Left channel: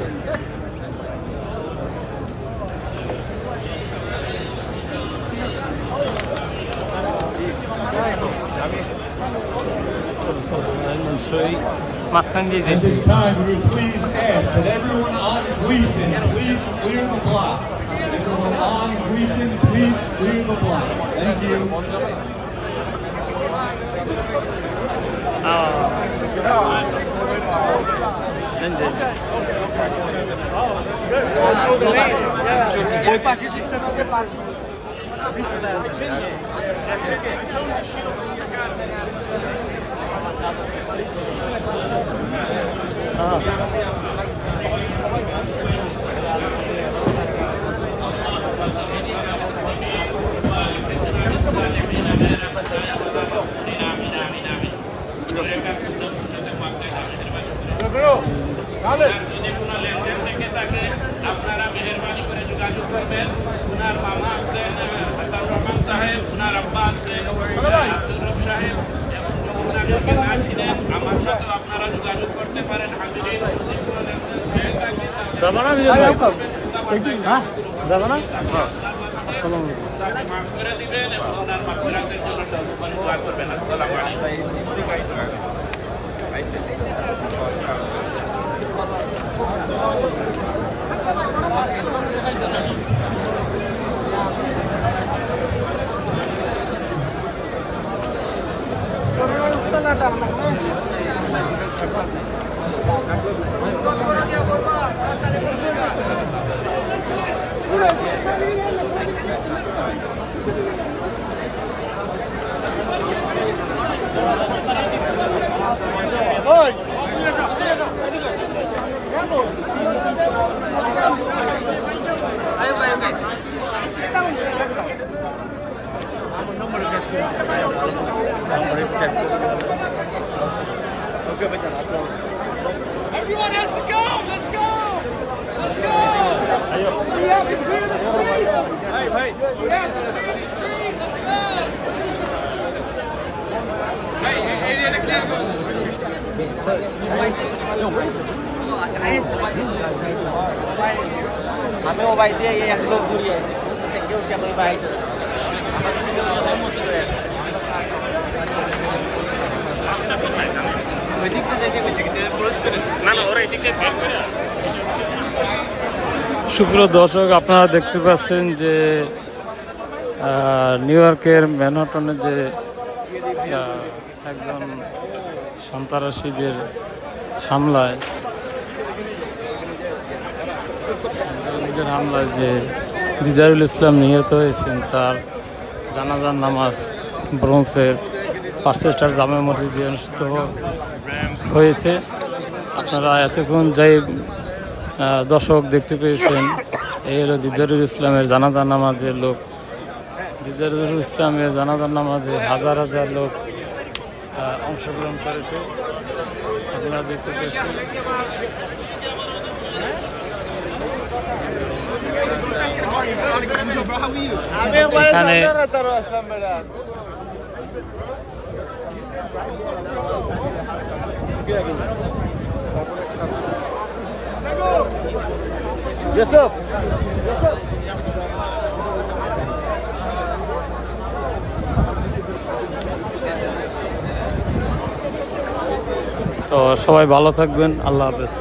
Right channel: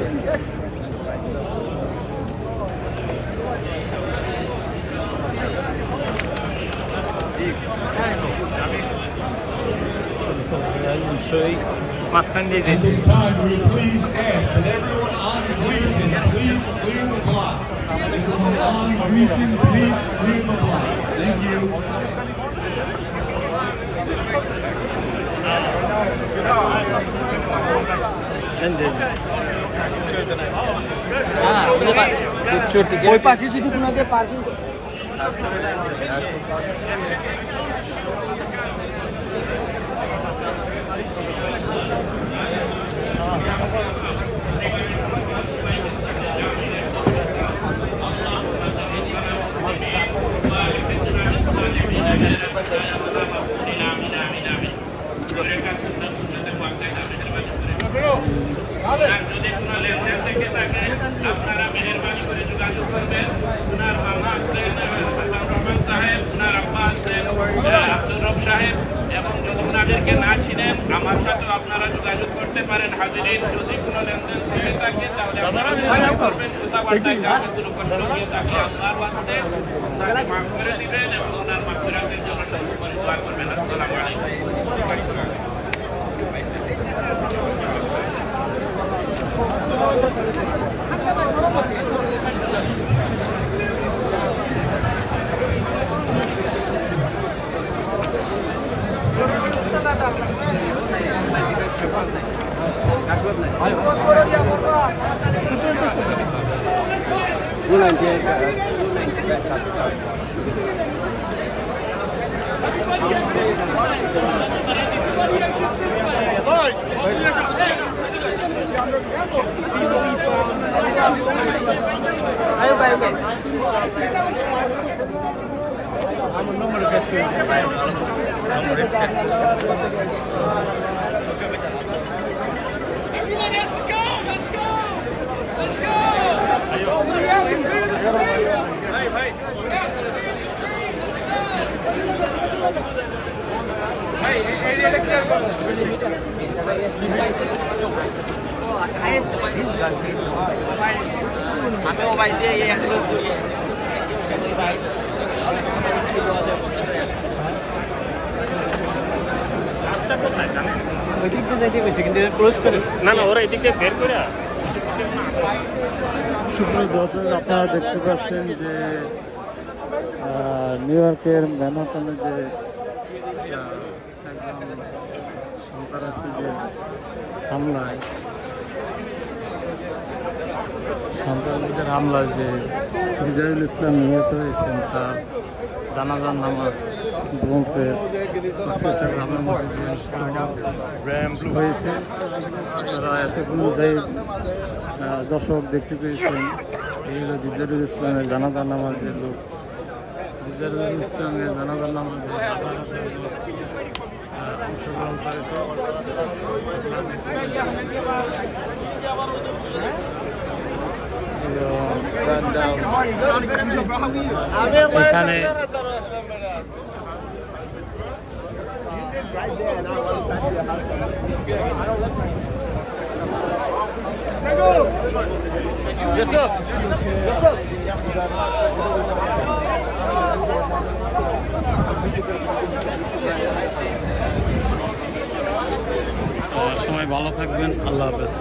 At this time, we would please ask that everyone on greasing, please clear the block. Everyone on greasing, please clear the block. Thank you. এবং যদি ওনাদেরকে না ছিলেন আমার সাথে আপনারা যোগাযোগ করতে পারেন। হাজিরিন, যদি কোনো লেনদেন থেকে থাকে আপনার বাস্তে মাফ করে দিবেন এবং ওনার মাফিরাতের জন্য শুরু করে দোয়া করবেন। আসসালামু আলাইকুম। সুপ্রিয় দর্শক, আপনারা দেখতে পাচ্ছেন যে নিউ ইয়র্কের ম্যানহাটনে যে একজন সন্ত্রাসীদের হামলায় যে দিদারুল ইসলাম নিহত হয়েছেন, তার জানাজার নামাজ ব্রোঞ্জের পার্সেস্টার জামে মসজিদে অনুষ্ঠিত হয়েছে। আপনারা এতক্ষণ যাই দর্শক দেখতে পেয়েছেন, এই হলো দিদারুল ইসলামের জানাজার নামাজের লোক। দিদারুল ইসলামের জানাজার নামাজে হাজার হাজার লোক অংশগ্রহণ করেছে। আপনারা দেখতে পেয়েছেন এখানে তো সবাই ভালো থাকবেন। আল্লাহ হাফেজ।